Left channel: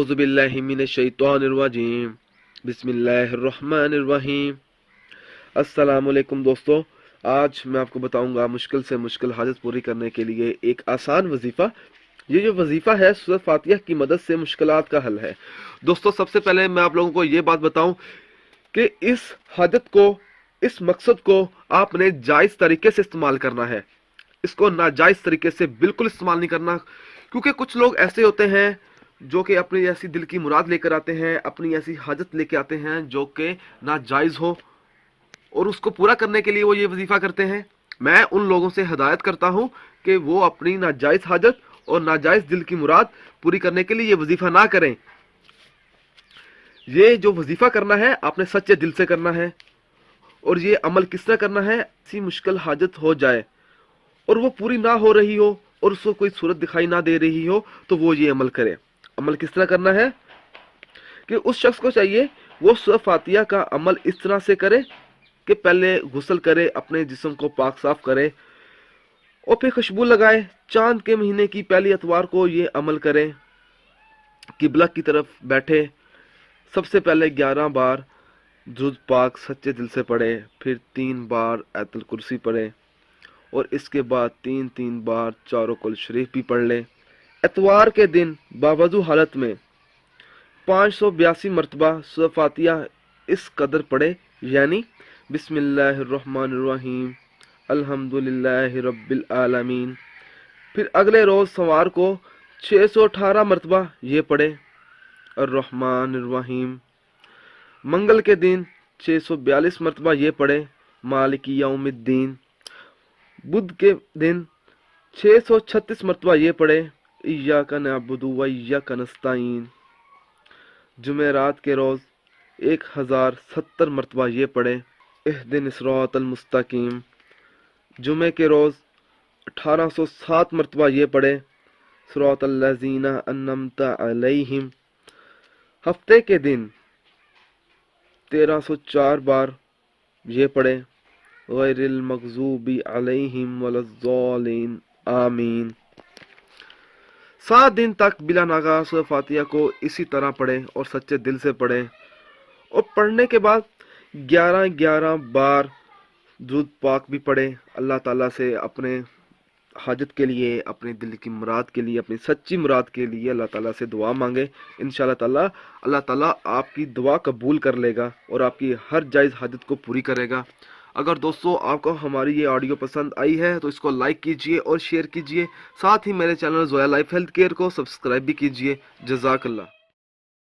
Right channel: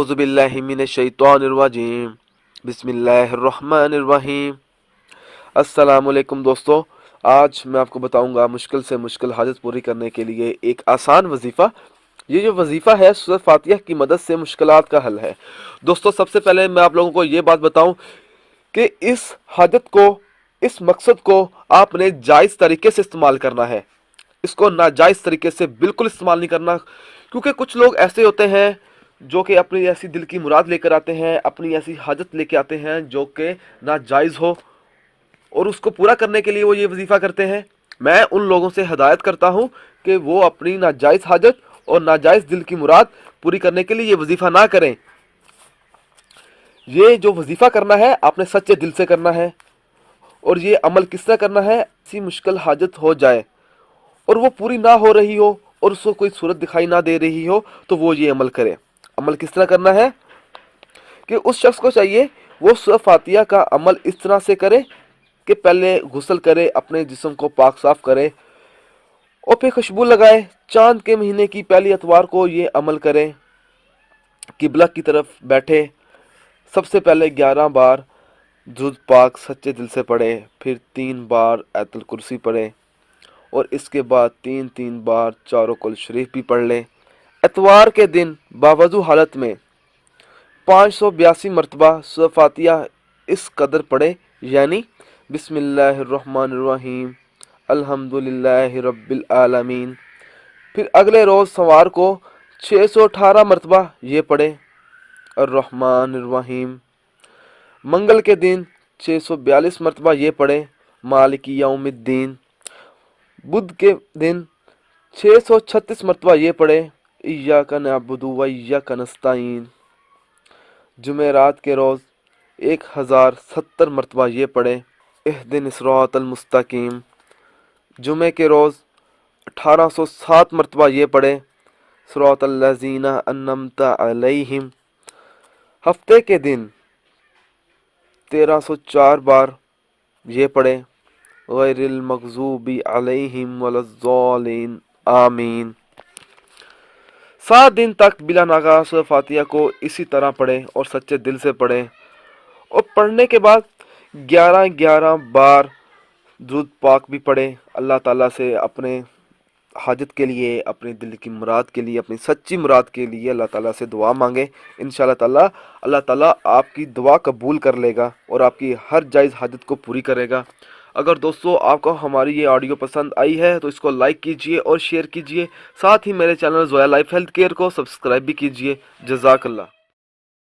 अऊज़ु बिल्लाहि मिनश्शैतानिर्रजीम बिस्मिल्लाहिर्रहमानिर्रहीम। अस्सलामुअलैकुम दोस्तों, आज मैं आपको बताऊंगा मुश्किल से मुश्किल हाजत पूरी करने के लिए एक आसान वजीफ़ा। ये जो वजीफ़ा है सूरह फातिहा की मदद से मुश्किलात का हल है। दोस्तों, सबसे पहले मैं आप लोगों को ये बात बताऊं कि इस हाजत को, इस मकसद को आपने जायज़ तरीके से इस्तेमाल करना है। इसको नाजायज़ तरीके से बिल्कुल इस्तेमाल नहीं करना, क्योंकि कुछ लोग ऐसे होते हैं जो कि अपनी ऐसी दिल की मुराद लेकर आते हैं, अपनी ऐसी हाजत लेके आते हैं जो कि नाजायज़ हो, और उसको पूरा करने के लिए वो ये वजीफ़ा करते हैं। मैं उन लोगों से हदायत करता हूँ कि वो अपनी नाजायज़ हाजत और नाजायज़ दिल की मुराद पूरी करने के लिए ये वजीफ़ा ना करें। ये जो वजीफ़ा करना है आपने सच्चे दिल से करना है। और ये अमल किस तरह करना है? ऐसी मुश्किल हाजत हो जाए और वो पूरी ना हो रही हो और उसको कोई सूरत दिखाई ना दे रही हो, तो वो ये अमल करे। अमल किस तरह करना है कि उस शख्स को चाहिए वो सूरह फातिहा का अमल इस तरह से करे कि पहले गुस्ल करे, अपने जिस्म को पाक साफ करे और फिर खुशबू लगाए। चांद के महीने की पहली एतवार को ये अमल करें। किबला की तरफ बैठे, सबसे पहले 11 बार दुरूद पाक सच्चे दिल से पढ़े, फिर 3 बार आयतुल कुर्सी पढ़े और इसके बाद 3 बार चारों कुल शरीफ भी पढ़ लें। एतवार के दिन बावजू हालत में 582 मरतबा सूरह फातिहा इस कदर पढ़े, यानी बिस्मिल्लाहिर्रहमानिर्रहीम अल्हम्दुलिल्लाहि रब्बिल आलमीन। फिर अगले रोज़ सोमवार को 618 मरतबा ये पढ़े अर्रहमानिर्रहीम। मंगल के दिन 642 मरतबा ये पढ़े मालिकी यौमिद्दीन। बुध के दिन 636 मरतबा ये पढ़े इय्याका नअबुदु व इय्याका नस्तईन। जुमेरात के रोज़ 1070 मरतबा ये पढ़े इहदिनिस सिरातल मुस्तकीम। जुमे के रोज़ 1807 मरतबा ये पढ़े सिरातल लज़ीना अन्अमता अलैहिम। हफ्ते के दिन 1304 बार ये पढ़े गैरिल मग़ज़ूबी अलैहिम वलज़्ज़ालिन आमीन। 7 दिन तक बिला नागा सूरह फातिहा को इसी तरह पढ़ें और सच्चे दिल से पढ़ें। और पढ़ने के बाद 11 बार दुरूद पाक भी पढ़ें। अल्लाह ताला से अपने हाजत के लिए, अपने दिल की मुराद के लिए, अपनी सच्ची मुराद के लिए अल्लाह ताला से दुआ मांगे। इंशाअल्लाह ताला अल्लाह ताला आपकी दुआ कबूल कर लेगा और आपकी हर जायज़ हाजत को पूरी करेगा। अगर दोस्तों आपको हमारी ये ऑडियो पसंद आई है तो इसको लाइक कीजिए और शेयर कीजिए। साथ ही मेरे channel Zoya life health care को सब्सक्राइब भी कीजिए। जज़ाकल्लाह।